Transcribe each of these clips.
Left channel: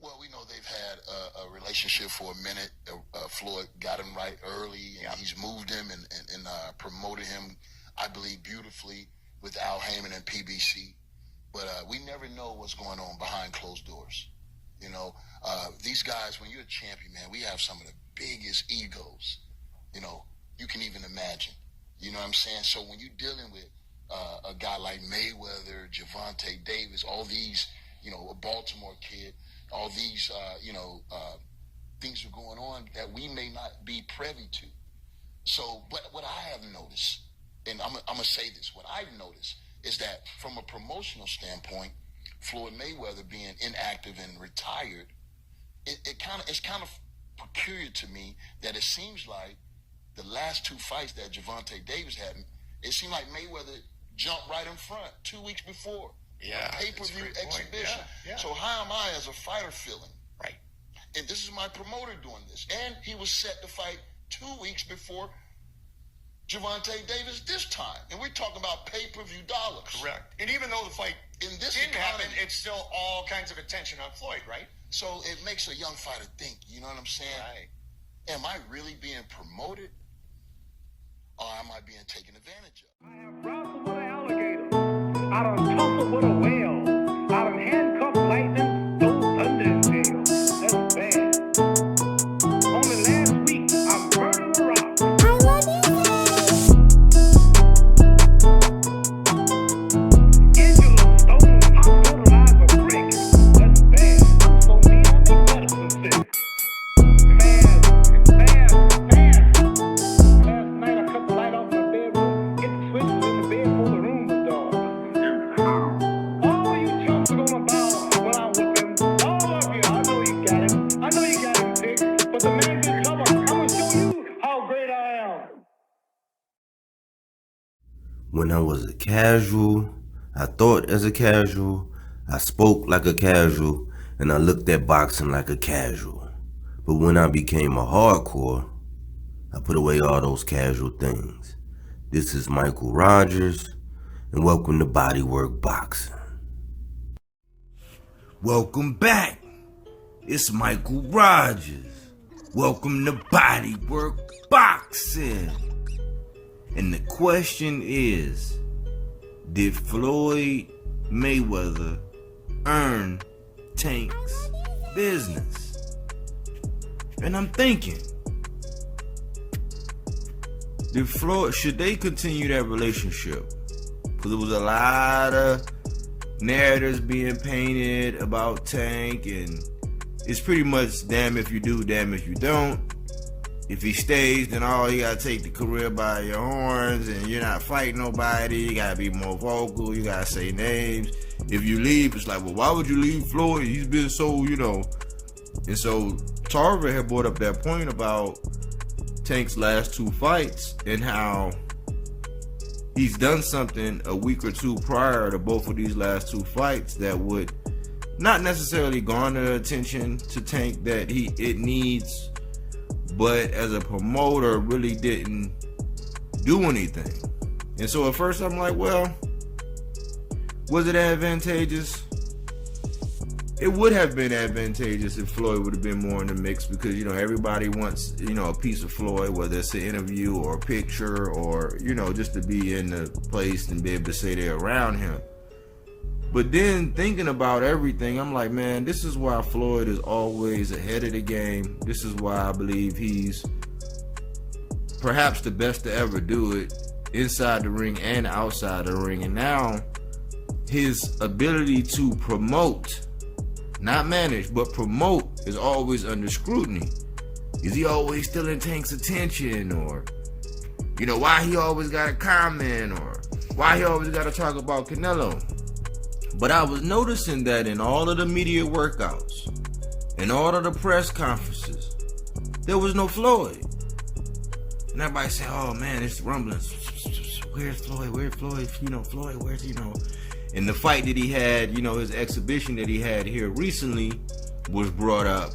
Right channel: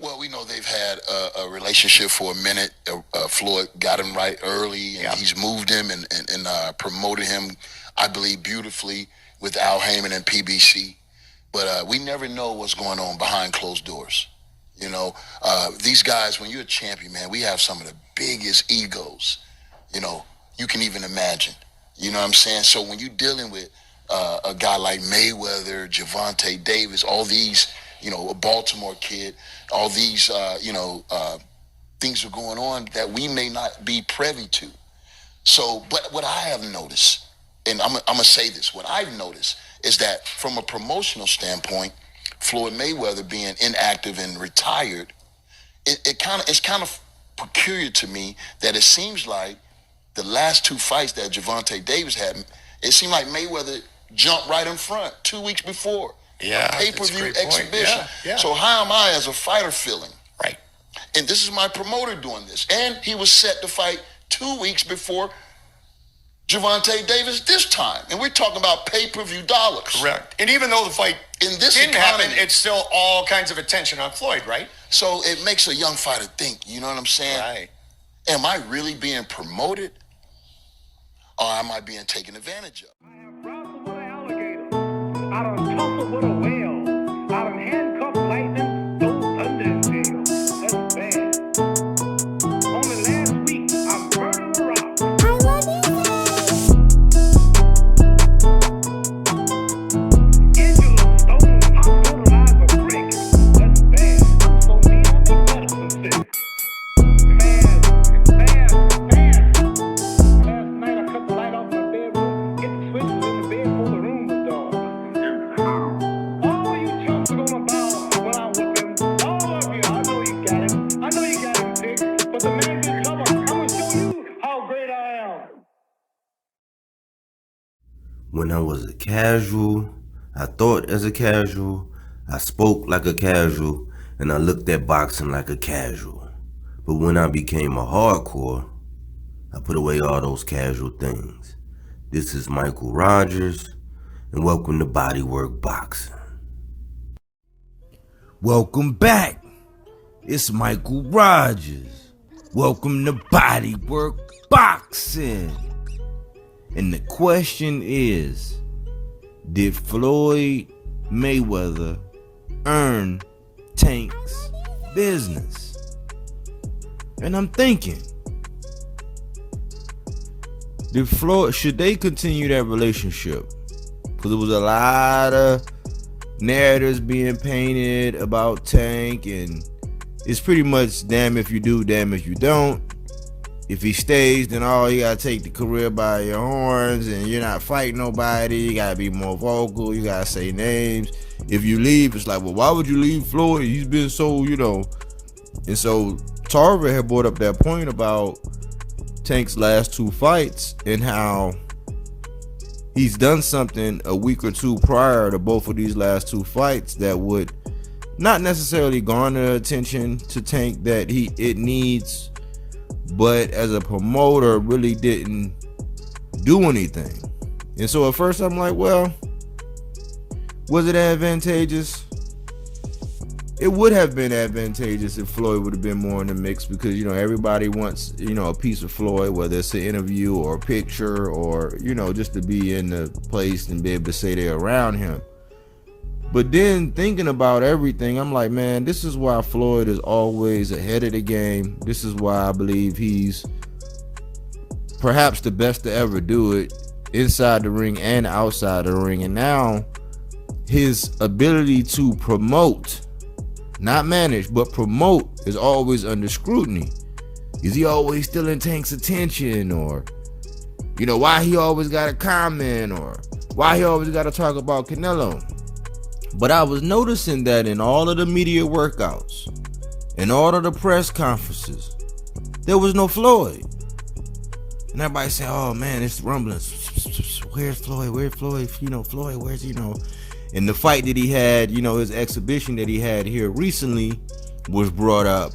Well, we know they've had a relationship for a minute. Floyd got him right early, and he's moved him and promoted him, I believe, beautifully with Al Heyman and PBC. But we never know what's going on behind closed doors. You know, these guys, when you're a champion, man, we have some of the biggest egos, you know, you can even imagine. You know what I'm saying? So when you're dealing with a guy like Mayweather, Gervonta Davis, all these, you know, a Baltimore kid, all these, things are going on that we may not be privy to. So, but what I have noticed, and I'm going to say this, what I've noticed is that from a promotional standpoint, Floyd Mayweather being inactive and retired, it's kind of peculiar to me that it seems like the last two fights that Gervonta Davis had, it seemed like Mayweather jumped right in front 2 weeks before. Yeah, Pay-per-view exhibition. Yeah. So how am I as a fighter feeling? Right. And this is my promoter doing this. And he was set to fight 2 weeks before Gervonta Davis this time. And we're talking about pay-per-view dollars. Correct. And even though the fight didn't happen, it's still all kinds of attention on Floyd, right? So it makes a young fighter think, you know what I'm saying? Right. Am I really being promoted? Or am I being taken advantage of? I have wrestled with an alligator. I done tussled with a whale. I done handcuffed lightning, throw thunder in jail. That's bad. Only last week, I murdered a rock. I love you. Angela Stone hospitalized a brick. That's bad. So me, I make medicine sick. Fast. Last night I cut the light off in my bedroom, hit the switches in the bed before the room was dark. All you chumps are gonna bow when I whip him. All of you, I know you got him. I know you got him picked, but the man's in trouble. I'm gonna show you how great I am. When I was a casual, I thought as a casual, I spoke like a casual, and I looked at boxing like a casual. But when I became a hardcore, I put away all those casual things. This is Michael Rogers, and welcome to Bodywork Boxing. Welcome back. It's Michael Rogers. Welcome to Bodywork Boxing. And the question is, did Floyd Mayweather earn Tank's business? And I'm thinking, should they continue that relationship? Because there was a lot of narratives being painted about Tank, and it's pretty much damn if you do, damn if you don't. If he stays, then you gotta take the career by your horns, and you're not fighting nobody. You gotta be more vocal. You gotta say names. If you leave, it's like, well, why would you leave Floyd? He's been so, you know. And so Tarver had brought up that point about Tank's last two fights and how he's done something a week or two prior to both of these last two fights that would not necessarily garner attention to Tank that it needs, but as a promoter really didn't do anything. And so at first I'm like, well, was it advantageous? It would have been advantageous if Floyd would have been more in the mix, because, you know, everybody wants, you know, a piece of Floyd, whether it's an interview or a picture or, you know, just to be in the place and be able to say they're around him. But then thinking about everything, I'm like, man, this is why Floyd is always ahead of the game. This is why I believe he's perhaps the best to ever do it inside the ring and outside the ring. And now his ability to promote, not manage, but promote, is always under scrutiny. Is he always stealing Tank's attention? Or, you know, why he always got to comment? Or why he always got to talk about Canelo? But I was noticing that in all of the media workouts, in all of the press conferences, there was no Floyd. And everybody said, oh man, it's rumbling. Where's Floyd? Where's Floyd? You know, Floyd, where's, you know? And the fight that he had, you know, his exhibition that he had here recently was brought up,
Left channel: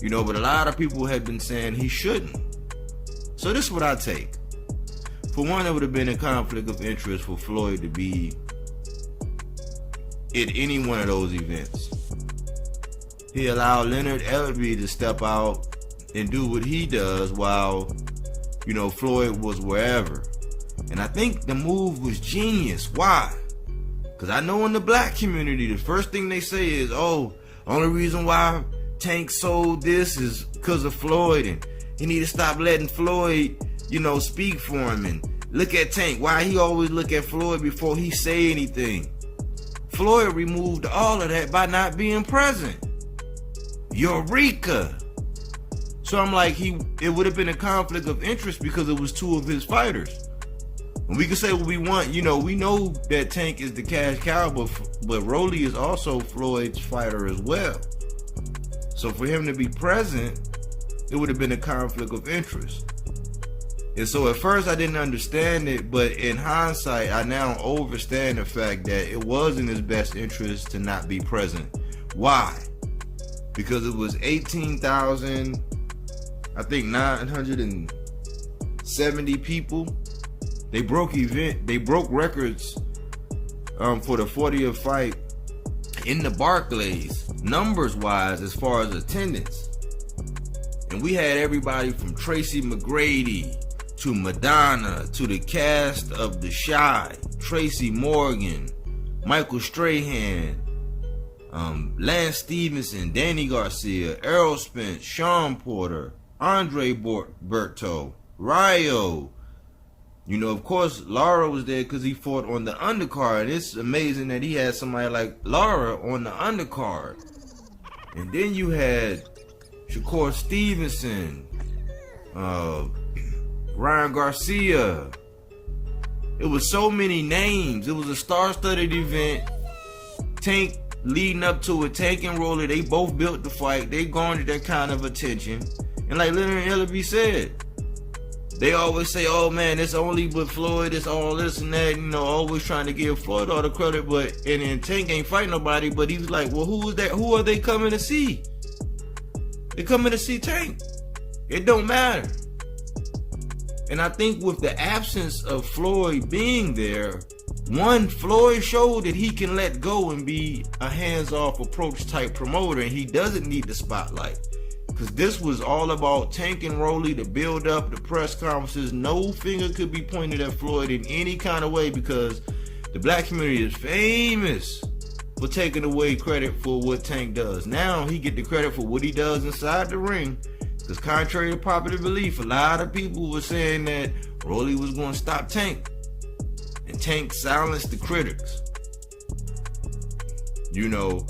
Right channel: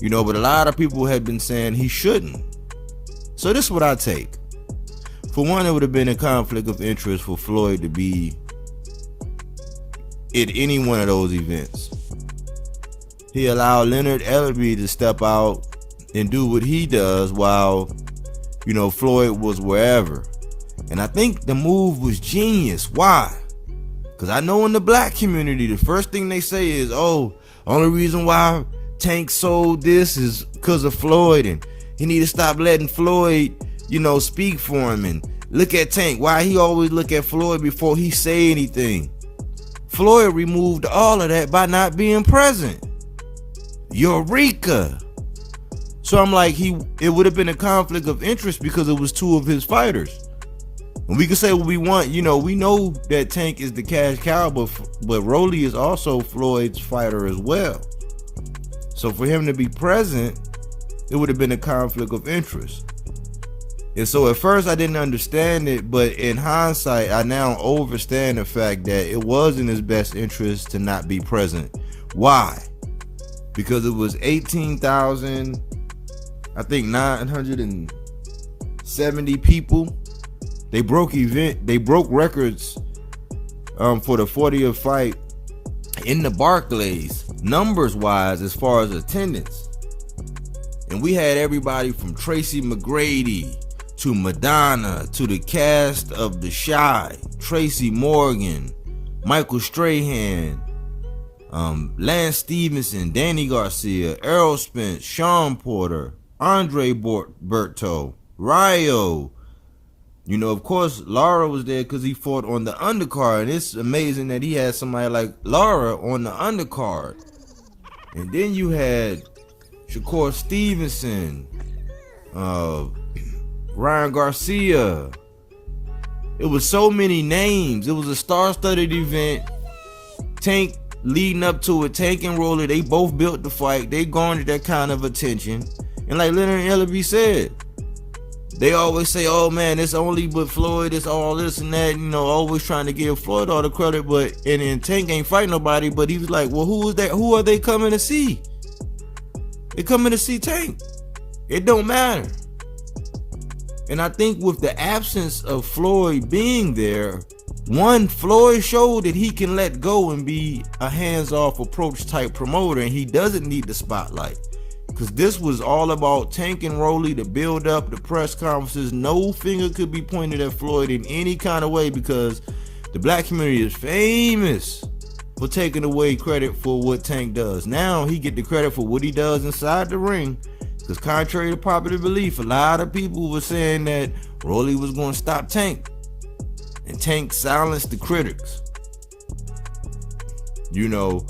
you know, but a lot of people had been saying he shouldn't. So this is what I take. For one, it would have been a conflict of interest for Floyd to be at any one of those events. he allowed Leonard Ellerbe to step out and do what he does while, you know, Floyd was wherever. And I think the move was genius. Why? Because I know in the black community, the first thing they say is, oh, only reason why Tank sold this is because of Floyd, and he need to stop letting Floyd, you know, speak for him. And look at Tank, why he always look at Floyd before he say anything. Floyd removed all of that by not being present. Eureka. So I'm like, it would have been a conflict of interest because it was two of his fighters. And we can say what we want, you know, we know that Tank is the cash cow, but Rolly is also Floyd's fighter as well. So for him to be present, it would have been a conflict of interest. And so at first I didn't understand it, but in hindsight, I now understand the fact that it was in his best interest to not be present. Why? Because it was 18,000, I think 970 people. They broke records for the 40th fight in the Barclays, numbers wise, as far as attendance. And we had everybody from Tracy McGrady to Madonna to the cast of The Chi, Tracy Morgan, Michael Strahan, Lance Stevenson, Danny Garcia, Errol Spence, Sean Porter, Andre Berto, Ryo. You know, of course, Lara was there because he fought on the undercard. And it's amazing that he had somebody like Lara on the undercard. And then you had Shakur Stevenson, Ryan Garcia. It was so many names. It was a star-studded event. Tank leading up to it, Tank and Rolly, they both built the fight. They garnered that kind of attention. And like Leonard Ellerbe said, they always say, oh man, it's only but Floyd, it's all this and that, you know, always trying to give Floyd all the credit, but and Tank ain't fighting nobody, but he was like, well, who is that? Who are they coming to see? They coming to see Tank. It don't matter. And I think with the absence of Floyd being there, one, Floyd showed that he can let go and be a hands-off approach type promoter, and he doesn't need the spotlight. Because this was all about Tank and Rolly, the build up, the press conferences. No finger could be pointed at Floyd in any kind of way because the black community is famous for taking away credit for what Tank does. Now he get the credit for what he does inside the ring. Because contrary to popular belief, a lot of people were saying that Rolly was going to stop Tank. And Tank silenced the critics. You know,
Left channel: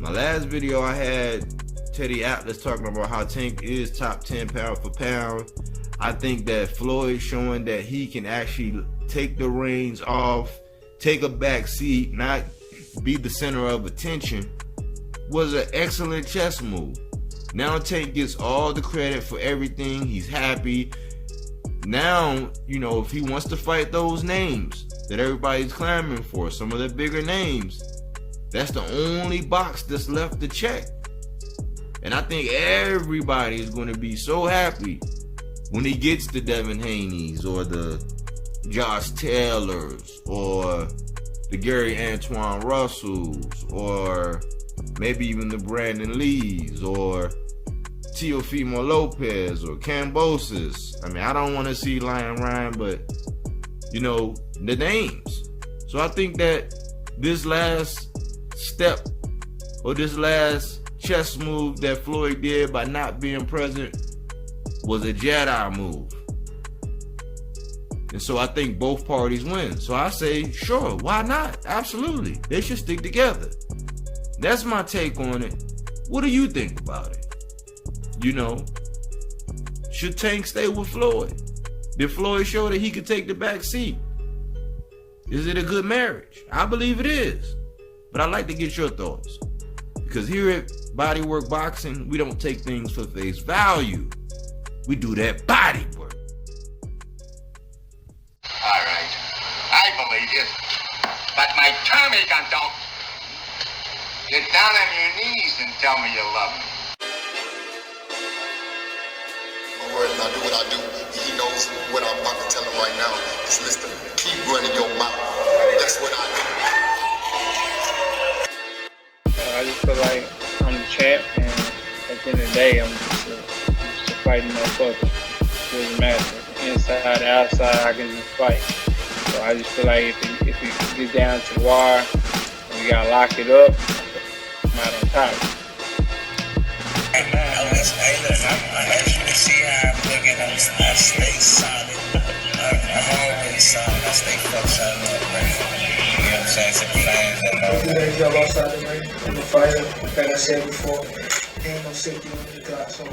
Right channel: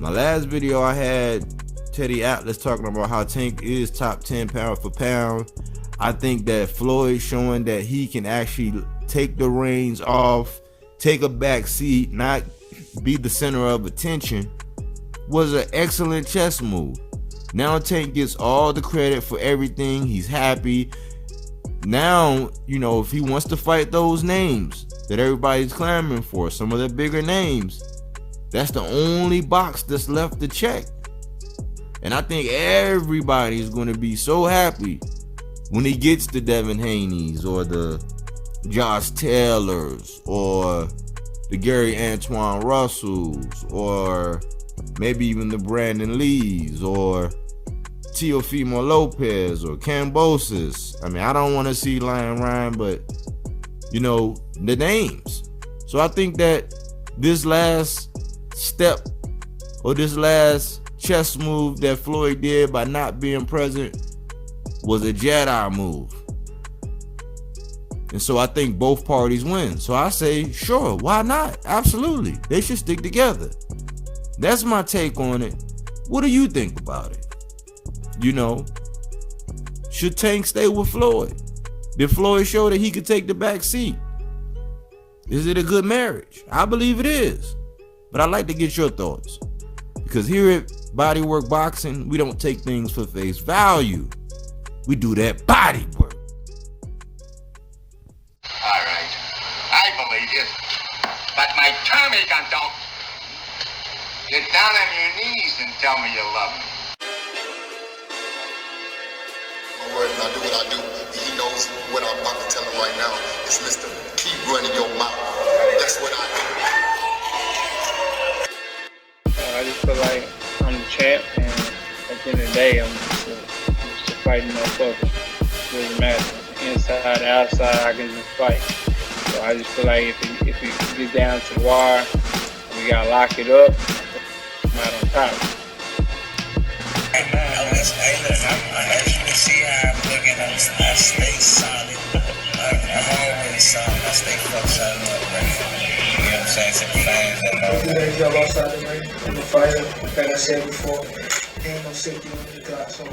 my last video I had Teddy Atlas talking about how Tank is top 10 pound for pound. I think that Floyd showing that he can actually take the reins off, take a back seat, not be the center of attention, was an excellent chess move. Now Tank gets all the credit for everything. He's happy. Now, you know, if he wants to fight those names that everybody's clamoring for, some of the bigger names, that's the only box that's left to check. And I think everybody is going to be so happy when he gets the Devin Haney's or the Josh Taylors or the Gary Antoine Russells or maybe even the Brandon Lees or Teofimo Lopez or Cambosis. I mean, I don't want to see Lion Ryan, but, you know, the names. So I think that this last step or this last chess move that Floyd did by not being present was a Jedi move. And so I think both parties win. So I say, sure, why not? Absolutely. They should stick together. That's my take on it. What do you think about it? You know, should Tank stay with Floyd? Did Floyd show that he could take the back seat? Is it a good marriage? I believe it is. But I'd like to get your thoughts. Because here at Bodywork Boxing, we don't take things for face value. We do that body work. All right. I believe you. But my Tommy gun don't. Get down on your knees and tell me you love me. My word, I do what I do. He knows what I'm about to tell him right now. It's Mr. Keep running your mouth. That's what I do. I just feel like I'm the champ, and at the end of the day, I'm just a fighting motherfucker. It doesn't matter. Inside, outside, I can just fight. So I just feel like if it gets down to the wire, we gotta lock it up, I'm out on top. Hey, as you can see how I'm looking, I stay solid. I'm always solid. I stay fuck solid up, right? You know what I'm saying? To the fans that know. Do that job outside the ring. I'm a fighter. Like I said before, ain't no safety on the clock, so